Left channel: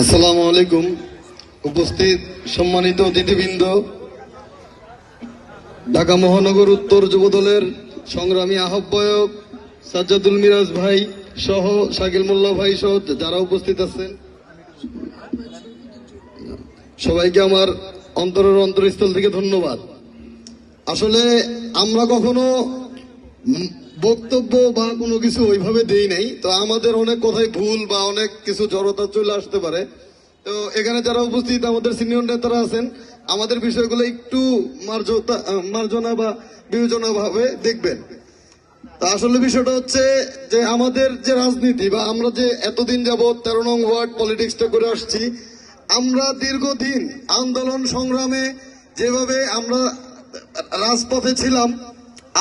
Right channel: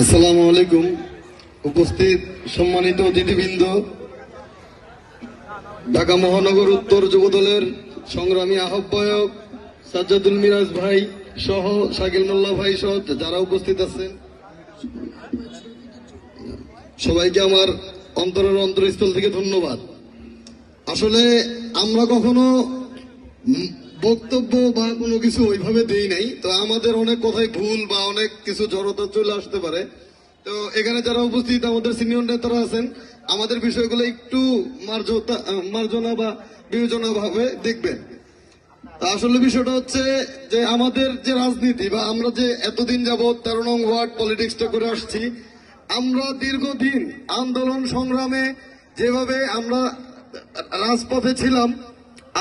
আসসালামু আলাইকুম। উপস্থিত সম্মানিত অতিথিবৃন্দ, ঢাকা মহানগর উত্তর যুবদলের সংগ্রামী আহ্বায়ক সাজ্জাদুল মিরাজ ভাই সহ শাকিল মোল্লা ভাই সহ যারা উপস্থিত আছেন, সবাইকে আমার অন্তরের অন্তরস্থল থেকে ধন্যবাদ। আসলে আমরা কখনো বক্তব্য বা কোনো কিছু ওইভাবে দেই নাই, তো আমাদের অনেক কথাই ভুল বা অনেক কিছু জড়তা চলে আসতে পারে। তো এখানে যারা উপস্থিত আমাদের সিনিয়র নেতারা আছেন, আমাদের বিষয়গুলো একটু মার্জনা বা বিবেচনা ভাবে দেখবেন। তা আসলে বিষয়টা হচ্ছে যে আমাদের যে রাজনীতি বা আমরা যে এতদিন যাবৎ 13 নং ওয়ার্ড পলিটিক্সটা করে আসছি, আমরা দীর্ঘদিন আন্দোলন সংগ্রামে যেভাবে আমরা রাজপথে ছিলাম,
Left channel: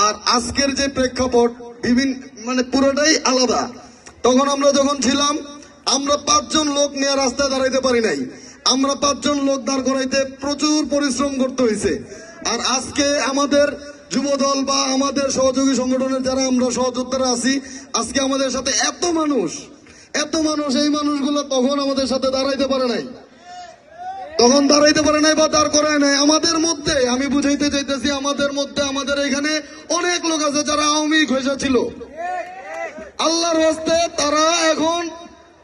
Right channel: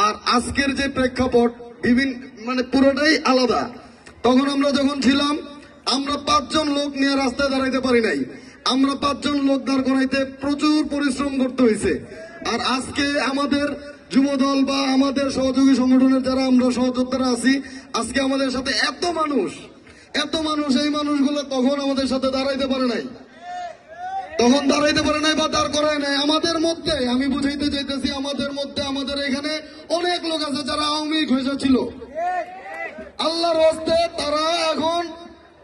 আর আজকের যে প্রেক্ষাপট বিভিন্ন পুরোটাই আলাদা। তখন আমরা যখন ছিলাম, আমরা 5 জন লোক নিয়ে রাস্তায় দাঁড়াইতে পারি নাই। আমরা 5 জন লোক দাঁড় করাইতে প্রচুর পরিশ্রম করতে হয়েছে। আর আজকে আমাদের যুবদল বা আমাদের সহযোগী সংগঠনের যারা আমরা সহযোদ্ধারা আছি, আজকে আমাদের সাথে এত মানুষ, এই মানুষগুলো তখন আমাদের সাথে দাঁড়াইতে পারে নাই, বা দাঁড় করায় নাই। আমাদের মধ্যে আমি বুঝাইতে চাইতেছি, আমাদের এখানে অনেক লোক আছে যারা আওয়ামী লীগ ঘেঁষা ছিল। আল্লাহর হস্তে তারা এখন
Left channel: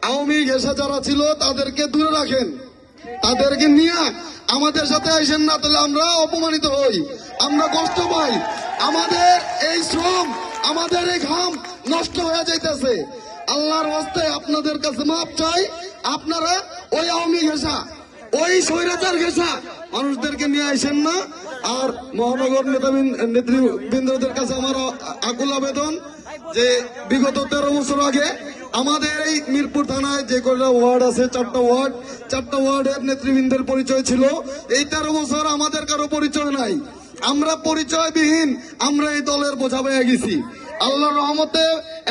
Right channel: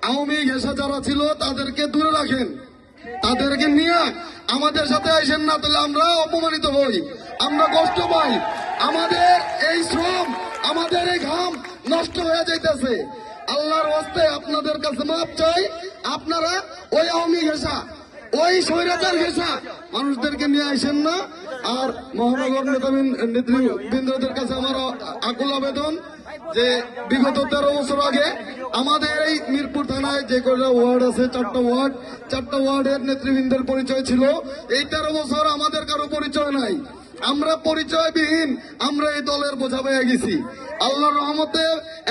আওয়ামী ঘেঁষা যারা ছিল তাদেরকে দূরে রাখেন, তাদেরকে নিয়ে আমাদের সাথে আসেন না, তাহলে আমরা অপমানিত হই, আমরা কষ্ট পাই। আমাদের এই শ্রম, আমাদের এই ঘাম নষ্ট হয়ে যাইতেছে। আল্লাহর হস্তে আপনাদের কাছে মাপ চাই, আপনারা ওই আওয়ামী ঘেঁষা, ওই স্বৈরাচার ঘেঁষা মানুষদেরকে নিয়ে আসেন না। আর মহানগর নেতৃবৃন্দদের কাছে আমার আকুল আবেদন যে বিগত 13 বছর আগে আমাদের এই মিরপুর থানায় যে কয়টা ওয়ার্ড আছে, 4টা ওয়ার্ডের নেতৃবৃন্দের পরিচয় ছিল। এই 13 বছর আমাদের কারো পরিচয় নাই, আমরা পরিচয়বিহীন, আমরা এই দলের বোঝা পেয়ে গেছি। আল্লাহর রহমতে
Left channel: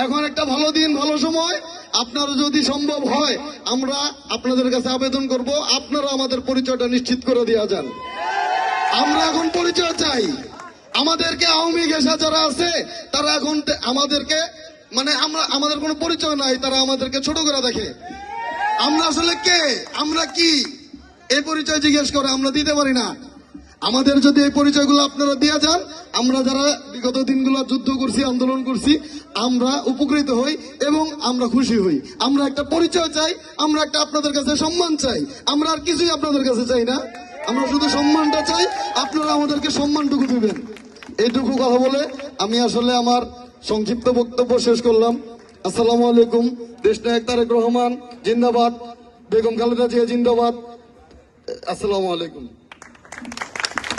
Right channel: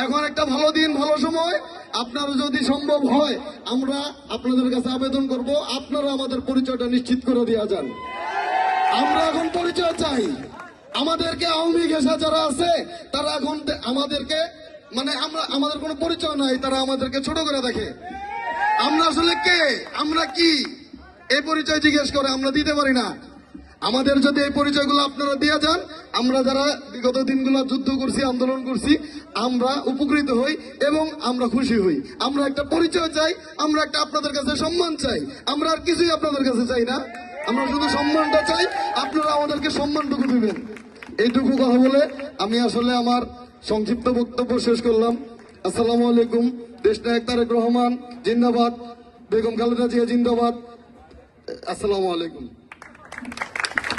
এখন একটা ভালো দিন, ভালো সময়। আপনারা যদি সম্ভব হয়, আমরা আপনাদের কাছে আবেদন করব, আপনারা আমাদের পরিচয়টা নিশ্চিত করে দেওয়া যান। আমরা এখন পরিচয় চাই। আমাদেরকে আওয়ামী ঘেঁষা যারা আছে তারা এখন আমাদেরকে আমাদের কোনো পরিচয় নাই, তারা আমাদেরকে ছোট করে দেখে। আমরা আসলে কে, আমরা কি, এই পরিচয় জিজ্ঞেস করে আমরা দিতে পারি না। আমাদের যদি এই পরিচয়গুলো আপনারা দিয়ে যান, আমরা যারা বিগত দিনগুলো যুদ্ধ করছি, আন্দোলন করছি, আমরা উপকৃত হই এবং আমরা খুশি হই। আমরা একটা পরিচয় চাই, আমরা একটা আপনাদের কাছে সম্মান চাই। আমরা আর কিছুই আপনাদের কাছে চাই না, আমরা শুধু সম্মানটা চাই, আপনারা আমাদেরকে সম্মানটুকু দিবেন। এইটুকু কথা বলে আমি আসলে আমার সংক্ষিপ্ত বক্তব্য শেষ করলাম। আসসালামু আলাইকুম। দেশনায়ক তারেক রহমান জিন্দাবাদ, বেগম খালেদা জিয়া জিন্দাবাদ। আসসালামু আলাইকুম।